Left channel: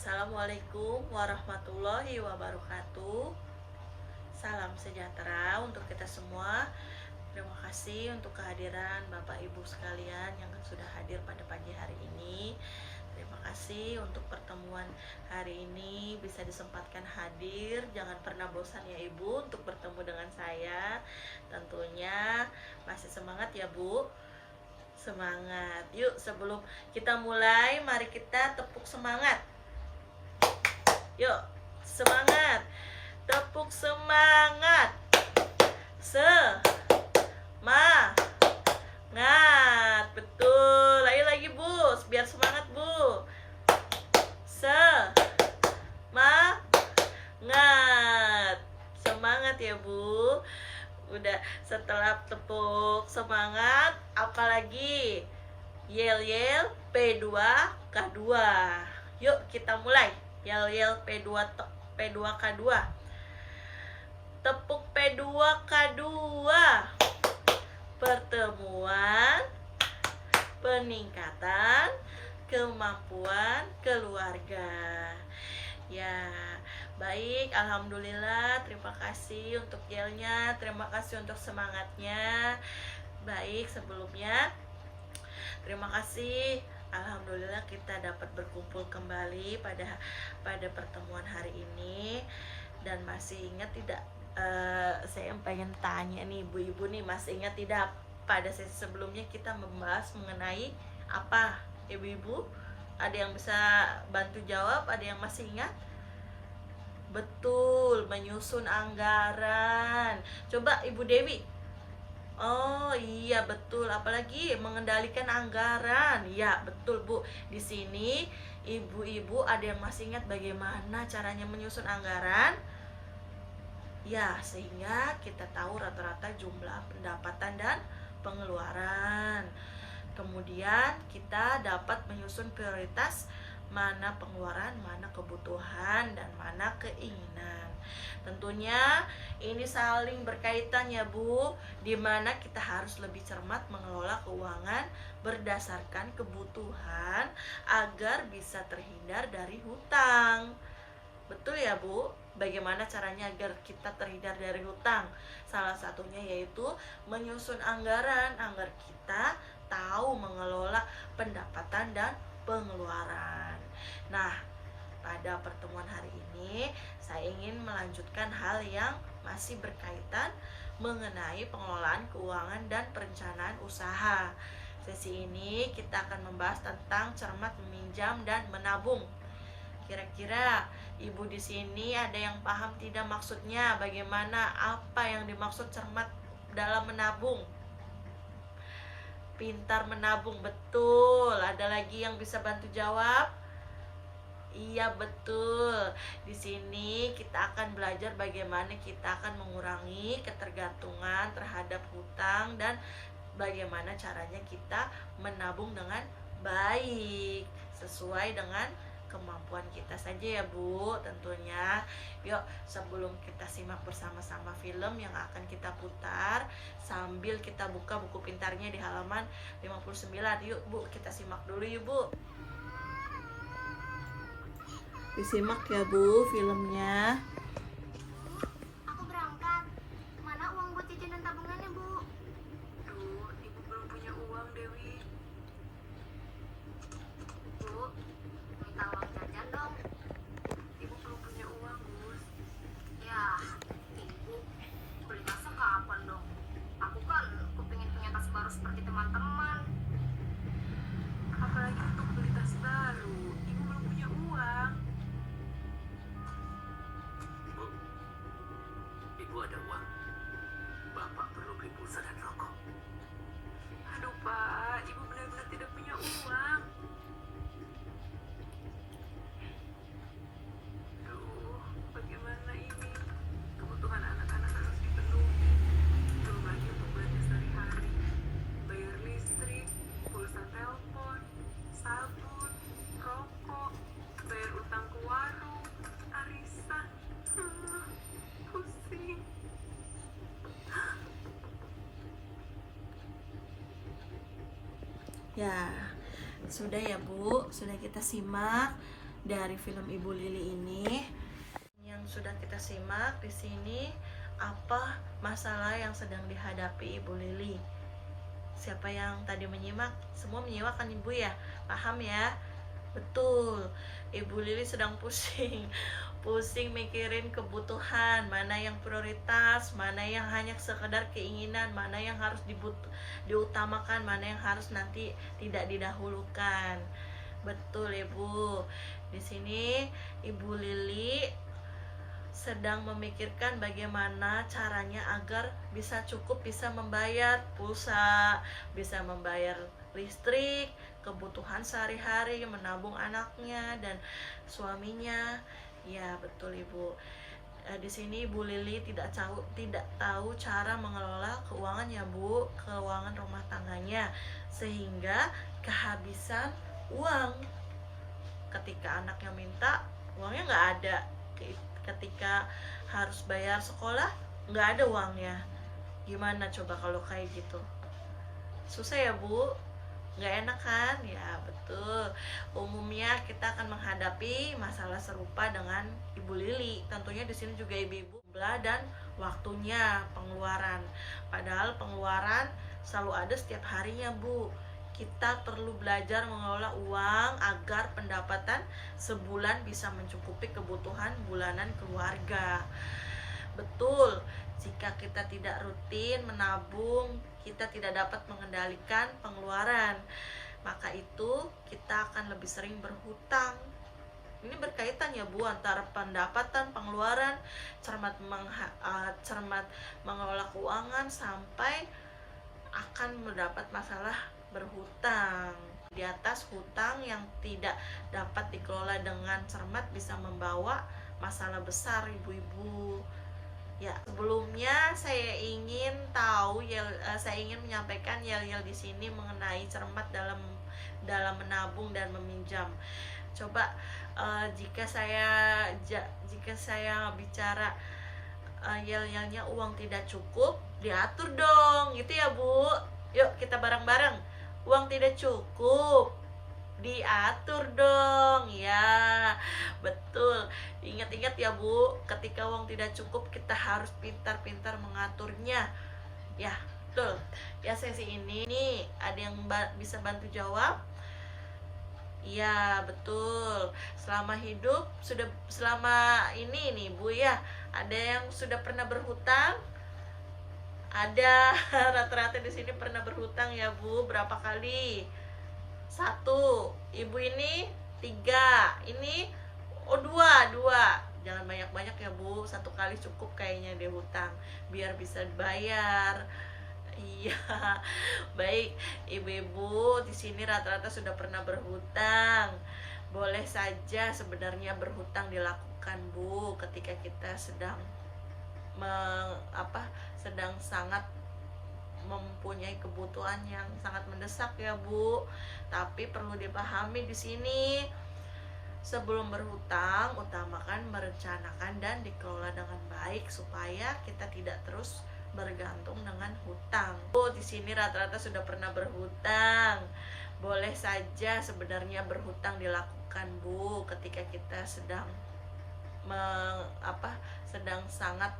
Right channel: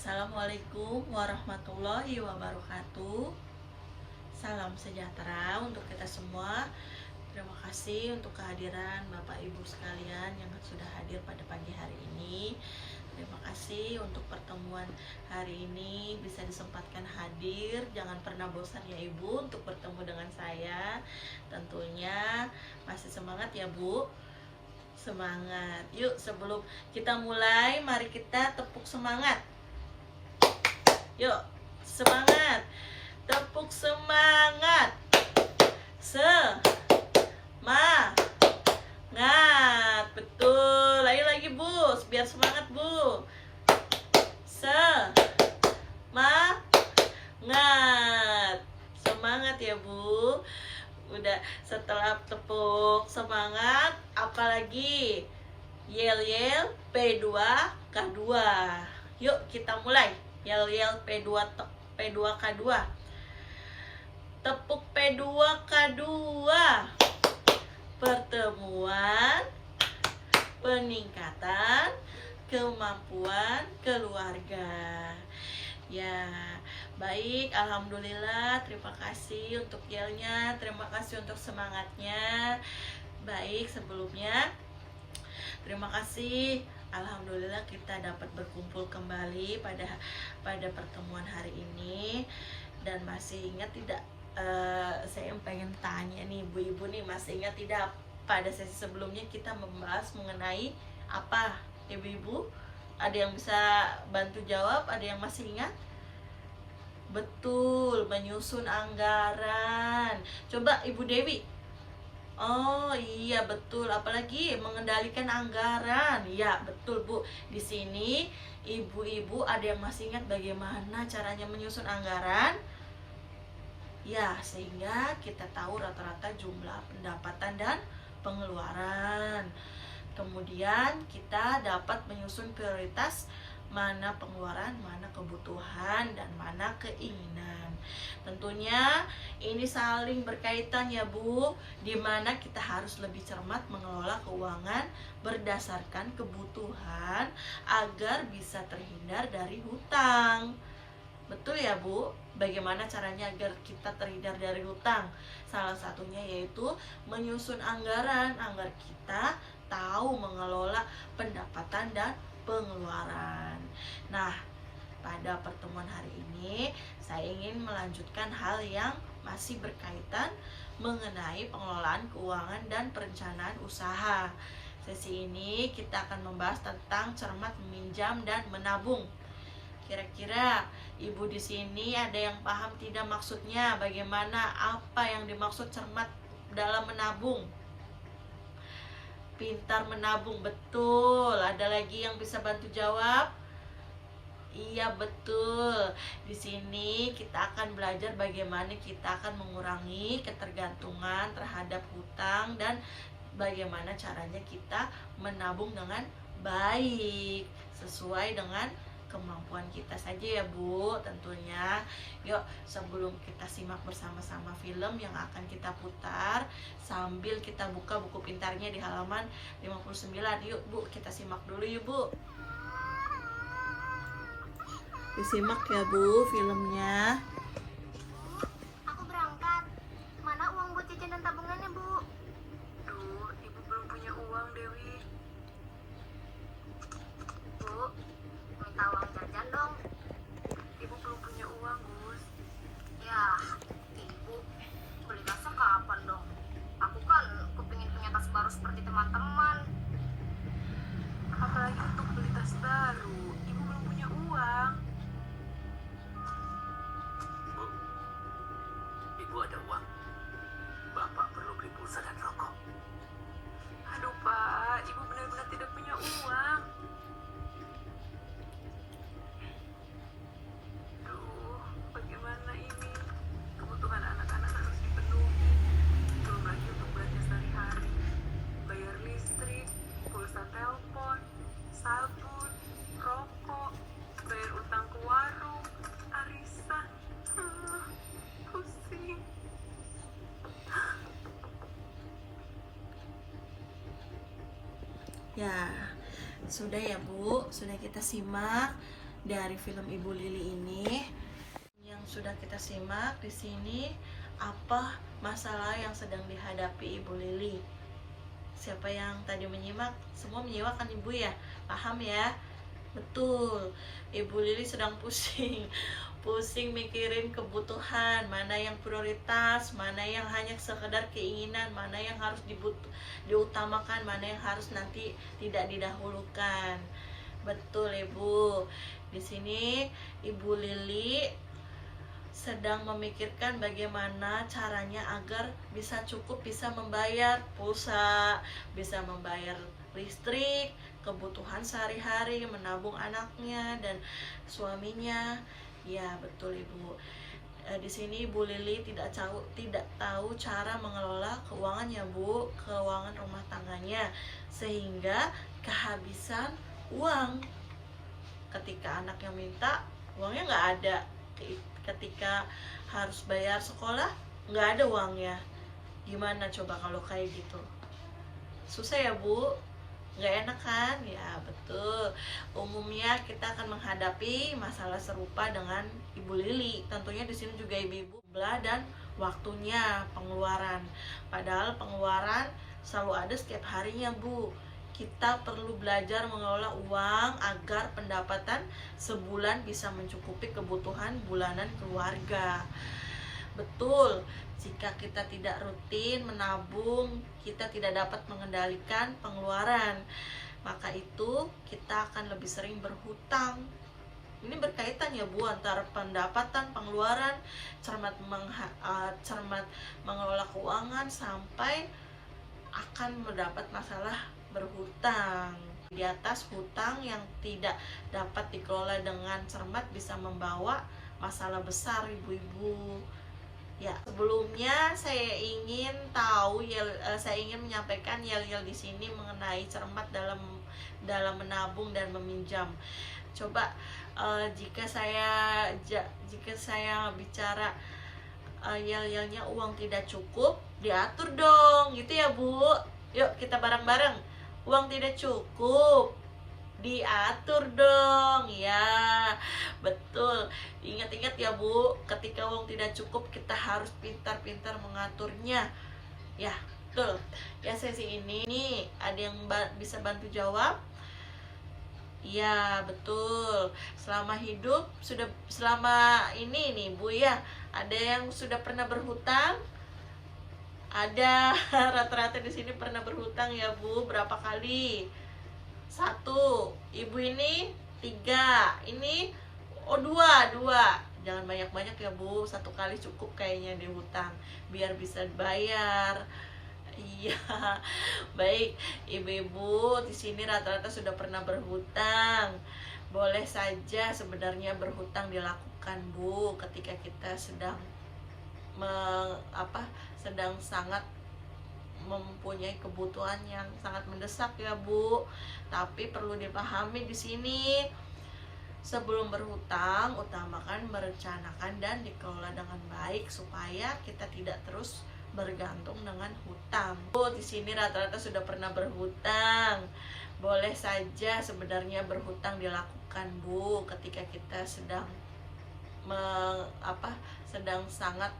Assalamualaikum warahmatullahi wabarakatuh. Salam sejahtera untuk kita semua. Terima kasih untuk kehadiran Bapak Ibu sekalian yang sudah hadir pada pagi hari ini. Terima kasih untuk pertemuan hari ini bisa disempatkan hadir. Jangan pernah bosan ya Ibu untuk bertemu dengan saya. Tentunya masih semangat ya Bu. Semangat. Yuk sebelum kita mulai, mari kita tepuk semangat. Yuk, semangat. Tepuk semangat. Semangat. Betul. Ayo lagi, Bu. Biar semangat, Bu. Semangat. Semangat ya, Bu. Udah setelah tepuk semangat, apalagi yel-yel P2K2. Yuk kita mulai. Yel-yel P2K2. Tepuk P2K2. Pertemuan peningkatan kemampuan keluarga. Ya, baik, alhamdulillah. Terima kasih untuk yelnya, terima kasih untuk semangatnya. Baik, sebelumnya terima kasih. Alhamdulillah kita dapat berkumpul kembali pada pertemuan hari ini. Dan masih ingat tidak, saya pengen tanya nih ibu-ibu nih, masih ingat tidak pada sesi sebelumnya kita membahas mengenai apa ibu-ibu? Ada yang bisa bantu jawab? Ada yang masih ingat? Betul, menyusun anggaran. Coba Ibu Dewi. Oh iya betul, apalagi mengendalikan anggaran. Ya betul Bu. Di sini ibu-ibu ada yang masih ingat bagaimana caranya menyusun anggaran? Ya, sehingga kita tahu rata-rata jumlah pendapatan dan pengeluaran. Kemudian kita dapat menyusun prioritas, mana pengeluaran, mana kebutuhan, dan mana keinginan. Tentunya ini saling berkaitan ya Bu, dimana kita harus lebih cermat mengelola keuangan berdasarkan kebutuhan agar bisa terhindar dari hutang. Betul ya Bu? Bagaimana caranya agar kita terhindar dari hutang? Salah satunya yaitu menyusun anggaran agar kita tahu mengelola pendapatan dan pengeluaran. Nah, pada pertemuan hari ini saya ingin melanjutkan hal yang masih berkaitan mengenai pengelolaan keuangan dan perencanaan usaha. Sesi ini kita akan membahas tentang cermat meminjam dan menabung. Kira-kira ibu di sini ada yang paham tidak maksudnya? Bagaimana, apa yang dimaksud cermat dalam menabung? Pintar menabung, betul. Ada lagi yang bisa bantu jawab? Iya betul. Di sini kita akan belajar bagaimana kita akan mengurangi ketergantungan terhadap hutang dan bagaimana caranya kita menabung dengan baik sesuai dengan kemampuan kita saja ya Bu tentunya. Yuk sebelum kita simak bersama-sama film yang akan kita putar sambil kita buka buku pintarnya di halaman 59. Yuk Bu, kita simak dulu yuk Bu. Disimak ya Bu filmnya. Aku berangkat. Mana uang buat jajan dan tabungannya, Bu? Duh, ibu belum punya uang, Dewi. Bu, minta uang jajan dong. Ibu belum punya uang, Gus. Ya, Ibu beli tasnya kapan dong? Aku kan kepingin punya tas baru seperti teman-teman. Apalagi untuk beli tas baru. Ibu belum punya uang. Bu, ibu ada uang. Bapak perlu beli pulsa dan rokok. Aduh, Pak. Ibu benar-benar tidak punya uang. Duh, bagaimana ini? Kebutuhan anak-anak harus dipenuhi. Belum lagi untuk belanja sehari-hari. Bayar listrik, pulsa telepon, sabun, rokok, bayar utang ke warung, arisan. Pusing. Ya, sudah ya Bu, sudah kita simak. dari film Ibu Lili ini yang sudah kita simak di sini, apa masalah yang sedang dihadapi Ibu Lili. Siapa yang tadi menyimak, semua menyimak kan Ibu ya? Paham ya? Betul, Ibu Lili sedang pusing mikirin kebutuhan, mana yang prioritas, mana yang hanya sekedar keinginan, mana yang harus diutamakan, mana yang harus nanti tidak didahulukan. Betul Ibu. Di sini Ibu Lili sedang memikirkan bagaimana caranya agar bisa cukup, bisa membayar pulsa, bisa membayar listrik, kebutuhan sehari-hari, menabung anaknya dan suaminya. Ya, betul Ibu. Di sini Ibu Lili tidak tahu cara mengelola keuangan ya Bu, keuangan rumah tangganya, sehingga kehabisan uang. Ketika anaknya minta, uangnya nggak ada. Ketika harus bayar sekolah, nggak ada uangnya. Gimana coba kalau kayak gitu? Susah ya Bu? Nggak enak kan? Ya betul. Umumnya kita akan menghadapi masalah serupa dengan Ibu Lili. Tentunya di sini juga ibu-ibu dan waktunya pengeluaran. Padahal pengeluaran selalu ada setiap harinya Bu. Kita perlu belajar mengelola uang agar pendapatan sebulan bisa mencukupi kebutuhan bulanan keluarga. Betul, jika kita tidak rutin menabung, kita tidak dapat mengendalikan pengeluaran. Maka itu kita akan lebih sering berhutang. Ini berkaitan ya Bu, antara pendapatan, pengeluaran, cermat mengelola keuangan sampai akan mendapat masalah berhutang. Di atas, hutang yang tidak dapat dikelola dengan cermat bisa membawa masalah besar ibu-ibu. Ya, sebelumnya saya ingin menyampaikan yel-yel di sini mengenai cermat dalam menabung dan meminjam. Coba jika saya bicara yel-yelnya uang tidak cukup, diatur dong, gitu ya Bu. Yuk kita bareng-bareng. Uang tidak cukup, diatur dong ya. Betul, ingat-ingat ya Bu, ketika uang tidak cukup kita harus pintar-pintar mengaturnya ya. Betul ya. Sesi ini nih ada yang bisa bantu jawab? Ya betul. Selama ini nih Bu ya, ada yang sudah pernah berhutang? Ada. Rata-rata di sini pernah berhutang ya Bu. Berapa kali? 1. Ibu ini 3. Ini 2. Jangan banyak-banyak ya Bu. 1 kali cukup kayaknya deh hutang, biar bisa bayar. Iya. Baik, ibu-ibu di sini rata-rata sudah pernah berhutang. Boleh saja sebenarnya berhutang dilakukan Bu ketika kita sedang sangat mempunyai kebutuhan yang sangat mendesak ya Bu. Tapi perlu dipahami di sini, sebelum berhutang utamakan merencanakan dan dikelola dengan baik supaya kita tidak terus bergantung dengan hutang. Bu, di sini rata-rata sudah pernah berhutang. Boleh saja sebenarnya berhutang dilakukan Bu ketika kita sedang sangat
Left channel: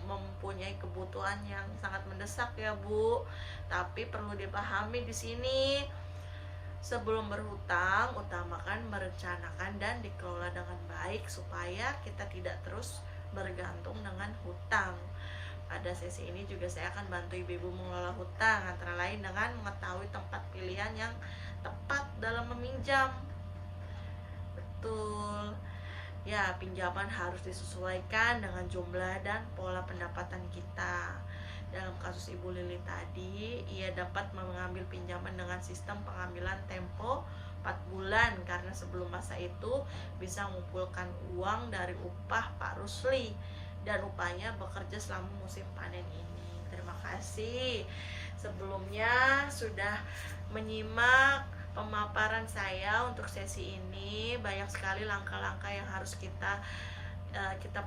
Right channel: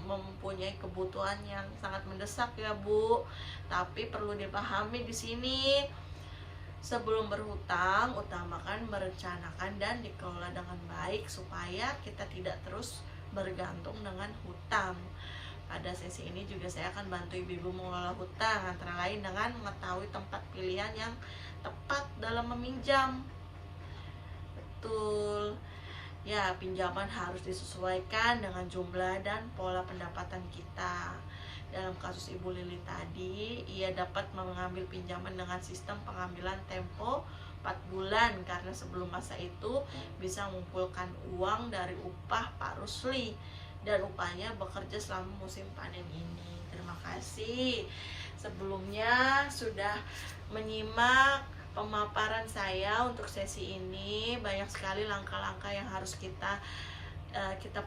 mempunyai kebutuhan yang sangat mendesak ya Bu. Tapi perlu dipahami di sini, sebelum berhutang utamakan merencanakan dan dikelola dengan baik supaya kita tidak terus bergantung dengan hutang. Pada sesi ini juga saya akan bantu ibu-ibu mengelola hutang, antara lain dengan mengetahui tempat pilihan yang tepat dalam meminjam. Betul. Ya, pinjaman harus disesuaikan dengan jumlah dan pola pendapatan kita. Dalam kasus Ibu Lili tadi, ia dapat mengambil pinjaman dengan sistem pengambilan tempo 4 bulan karena sebelum masa itu bisa mengumpulkan uang dari upah Pak Rusli dan upahnya bekerja selama musim panen ini. Terima kasih sebelumnya sudah menyimak pemaparan saya untuk sesi ini. Banyak sekali langkah-langkah yang harus kita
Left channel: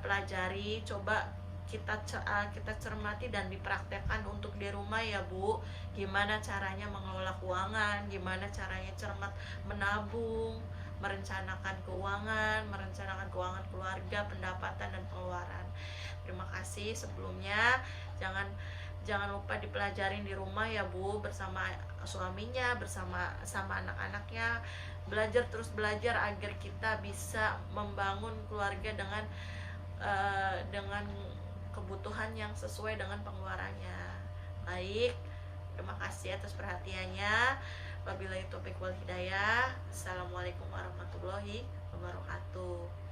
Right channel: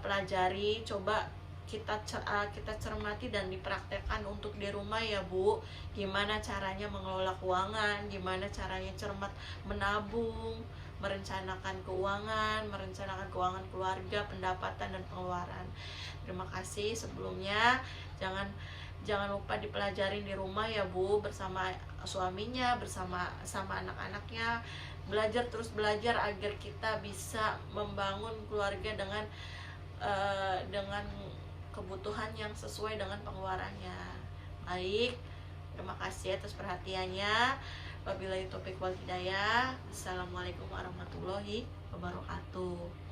pelajari. Coba kita cermati dan dipraktekkan untuk di rumah ya Bu. Gimana caranya mengelola keuangan, gimana caranya cermat menabung, merencanakan keuangan keluarga, pendapatan dan pengeluaran. Terima kasih sebelumnya. Jangan lupa dipelajarin di rumah ya Bu, bersama suaminya, bersama anak-anaknya. Terus belajar agar kita bisa membangun keluarga dengan kebutuhan yang sesuai dengan pengeluarannya. Baik, terima kasih atas perhatiannya. Wabillahi taufiq wal hidayah. Assalamualaikum warahmatullahi wabarakatuh.